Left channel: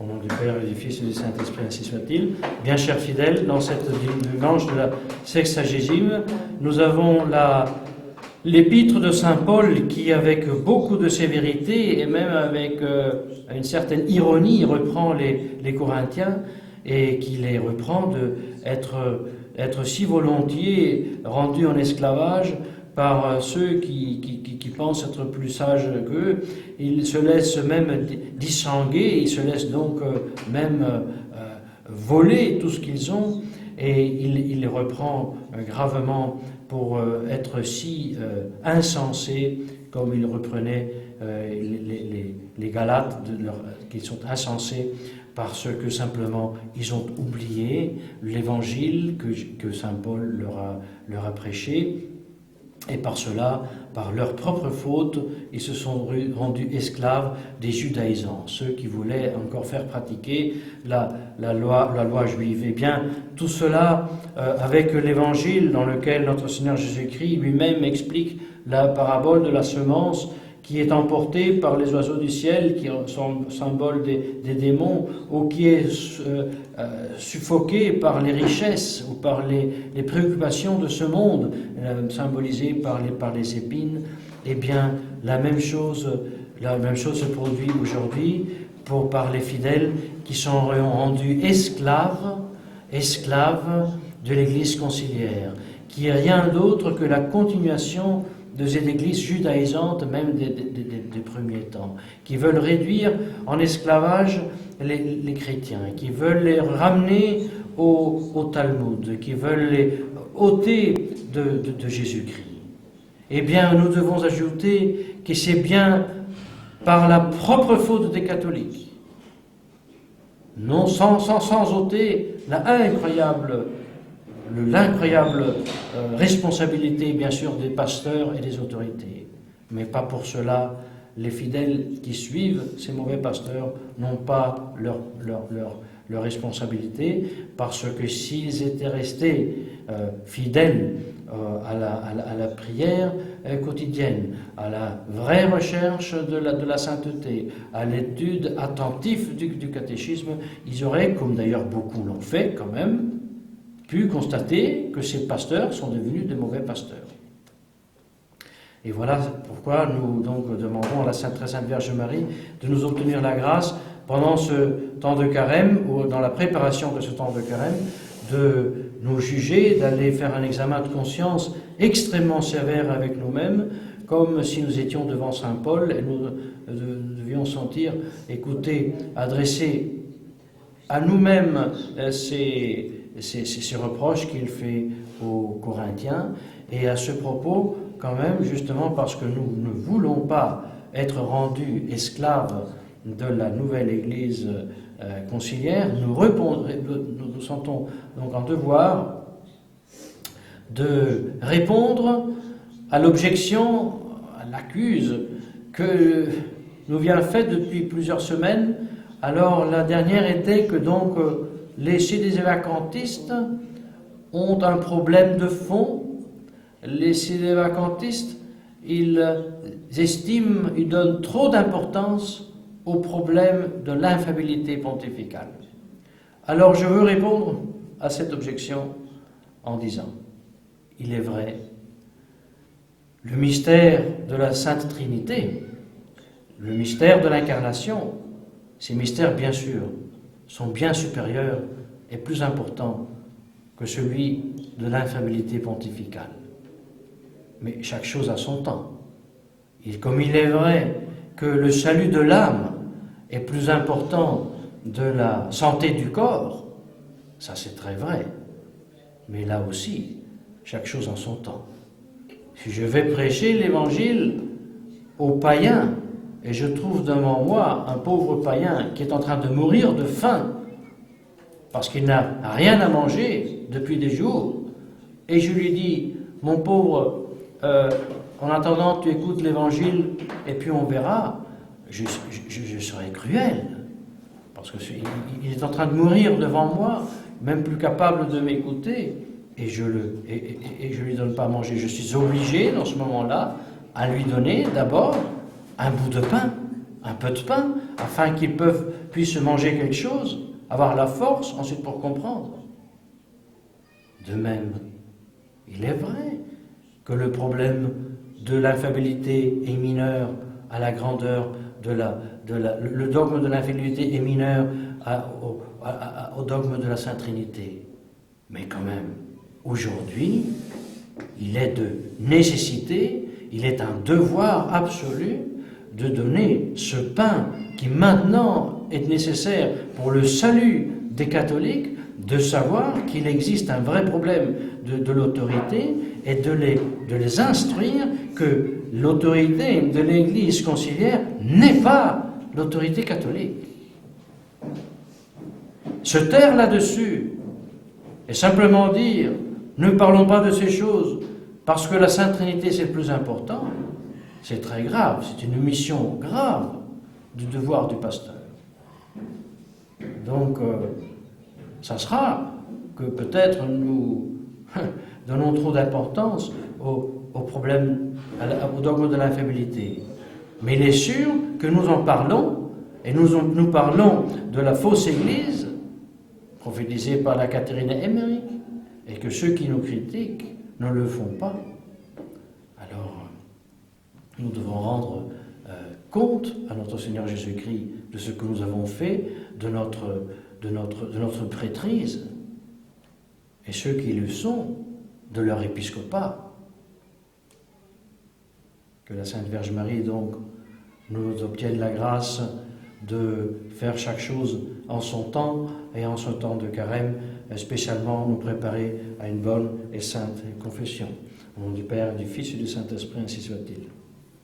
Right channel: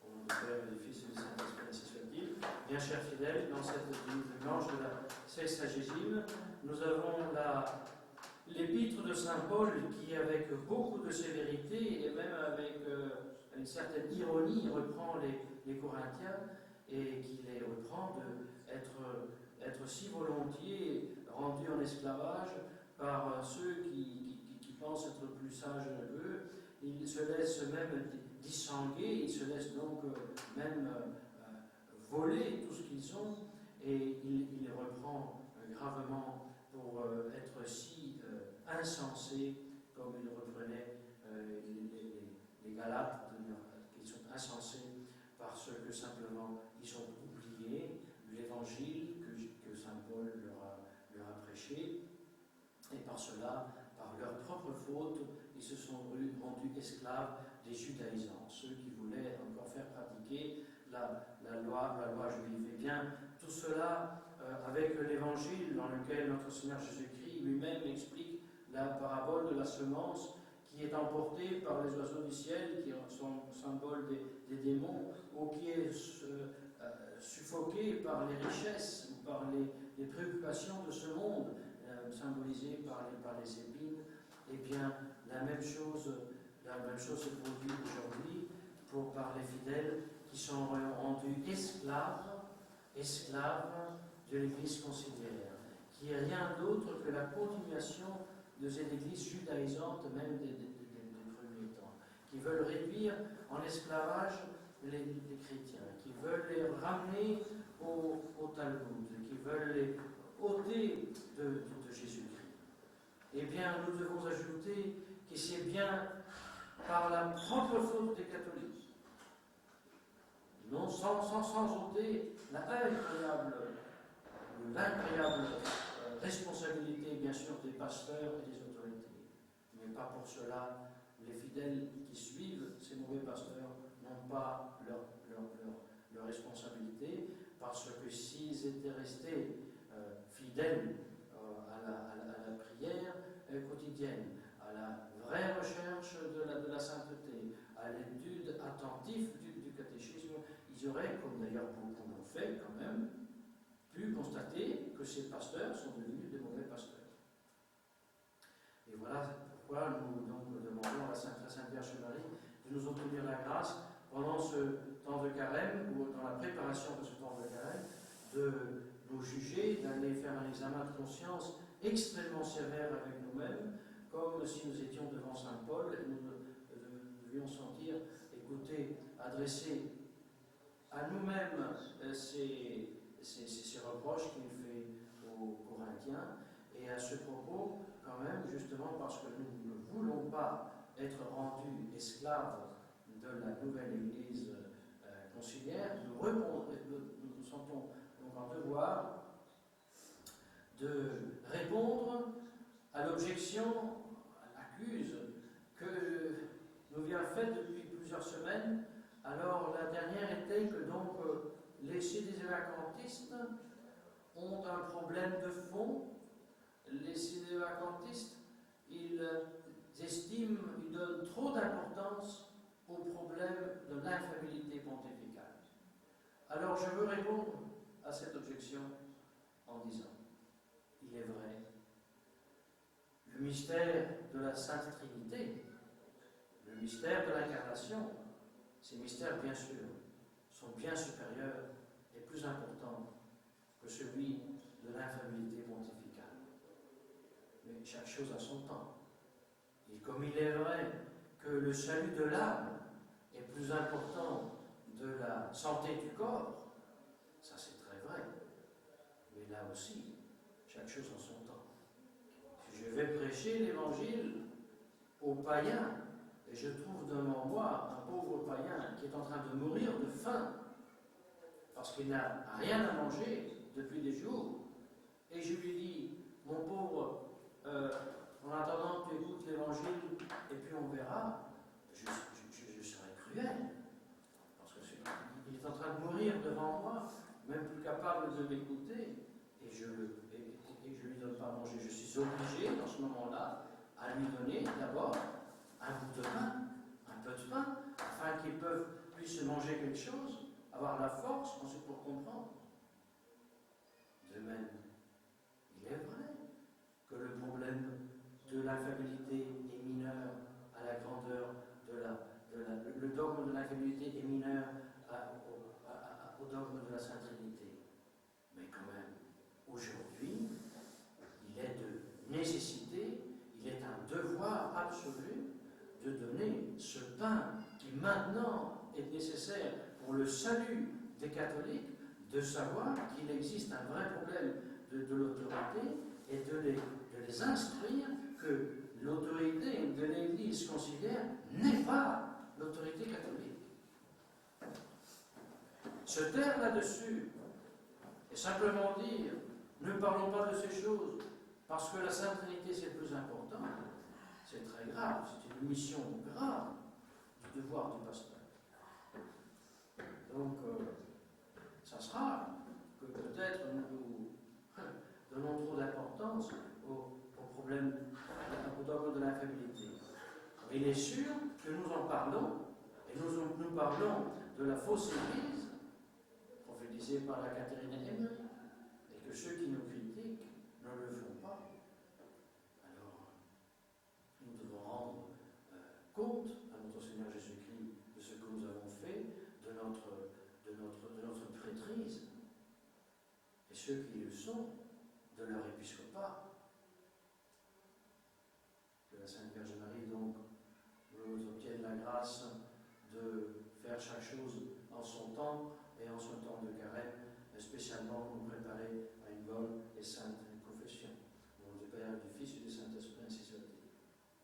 Au nom du Père et du Fils et du Saint-Esprit, ainsi soit-il. Bien chers fidèles, dans cette dimanche de la sexagésime, nous avons l'épître de Saint Paul qui, avec beaucoup de sévérité et même avec une certaine ironie, reprend les Corinthiens et qui les reprend d'être si volontiers rendus en esclavage par ceux qui pensent être plus sages qu'eux. Ils se laissent même distinguer, ils se laissent donc même voler tout ce qu'ils ont, et il les reprend gravement pour être si insensés, comme il reprenait les Galates, qui sont insensés parce que simplement ils ont oublié l'évangile que saint Paul leur a prêché. Et par cela, par leur propre faute, ils se sont rendus esclaves des judaïsants, ceux qui voulaient encore faire pratiquer la loi juive. Eh bien, tout cela, avec l'évangile dans lequel notre Seigneur Jésus-Christ lui-même explique la parabole de la semence qui est emportée par les oiseaux du ciel, qui sont symbole des démons, ou qui est suffoquée par les richesses ou par les préoccupations de ce monde, symbolisées par les épines. Eh bien, la même chose se produit aujourd'hui par les fidèles qui sont rendus esclaves de l'Église conciliaire, qui est rien d'autre que la continuation de cette église judaïsante, même des premiers temps, qui veulent réduire en esclavage les chrétiens, qui veulent les ramener au Talmud, qui veulent les ôter de Jésus-Christ. Eh bien, nous devons ajouter que c'est bien par la propre faute des catholiques, non sans ôter l'incroyable responsabilité, bien sûr, des pasteurs et des autorités. Mais pas pour cela, les fidèles qui suivent ces mauvais pasteurs n'ont pas leur responsabilité, parce que s'ils étaient restés fidèles à la prière quotidienne, à la vraie recherche de la sainteté, à l'étude attentive du catéchisme, ils auraient, comme d'ailleurs beaucoup l'ont fait quand même, pu constater que ces pasteurs sont devenus de mauvais pasteurs. Et voilà pourquoi nous donc demandons à la très Sainte Vierge Marie de nous obtenir la grâce pendant ce temps de carême, ou dans la préparation de ce temps de carême, de nous juger, d'aller faire un examen de conscience extrêmement sévère avec nous-mêmes, comme si nous étions devant saint Paul et nous devions sentir, écouter, adresser à nous-mêmes ces reproches qu'il fait aux Corinthiens. Et à ce propos, quand même, justement parce que nous ne voulons pas être rendus esclaves de la nouvelle Église conciliaire, nous sentons donc en devoir de répondre à l'objection, à l'accuse que nous vient faite depuis plusieurs semaines. Alors la dernière était que donc les sédévacantistes ont un problème de fond. Les sédévacantistes, ils donnent trop d'importance au problème de l'infaillibilité pontificale. Alors je veux répondre à cette objection en disant, il est vrai, le mystère de la Sainte Trinité, le mystère de l'incarnation, ces mystères, bien sûr, sont bien supérieurs et plus importants que celui de l'infaillibilité pontificale. Mais chaque chose a son temps. Et comme il est vrai que le salut de l'âme est plus important de la santé du corps, ça c'est très vrai. Mais là aussi, chaque chose en son temps. Si je vais prêcher l'évangile aux païens, et je trouve devant moi un pauvre païen qui est en train de mourir de faim, parce qu'il n'a rien à manger depuis des jours, et je lui dis, mon pauvre, en attendant tu écoutes l'évangile, et puis on verra, je serai cruel, parce qu'il est en train de mourir devant moi, même plus capable de m'écouter, et je lui donne pas à manger. Je suis obligé, dans ce moment-là, à lui donner d'abord un bout de pain, un peu de pain, afin qu'ils puissent manger quelque chose, avoir la force ensuite pour comprendre. De même, il est vrai que le problème de l'infabilité est mineur à la grandeur le dogme de l'infabilité est mineur au dogme de la Sainte Trinité. Mais quand même, aujourd'hui, il est de nécessité, il est un devoir absolu de donner ce pain qui maintenant est nécessaire pour le salut des catholiques, de savoir qu'il existe un vrai problème de l'autorité et de les instruire que l'autorité de l'Église conciliaire n'est pas l'autorité catholique. Se taire là-dessus et simplement dire ne parlons pas de ces choses parce que la Sainte Trinité c'est le plus important, c'est très grave, c'est une mission grave du devoir du pasteur. Donc, ça sera que peut-être nous donnons trop d'importance au problème, au dogme de l'infabilité. Mais il est sûr que nous en parlons, et nous parlons de la fausse Église, prophétisée par la Catherine Emmerich, et que ceux qui nous critiquent ne le font pas. Alors, nous devons rendre compte à notre Seigneur Jésus-Christ de ce que nous avons fait, de notre prêtrise, et ceux qui le sont, de leur épiscopat. Que la Sainte Vierge Marie, donc, nous obtienne la grâce de faire chaque chose en son temps et en son temps de carême, spécialement nous préparer à une bonne et sainte confession. Au nom du Père, du Fils et du Saint-Esprit, ainsi soit-il.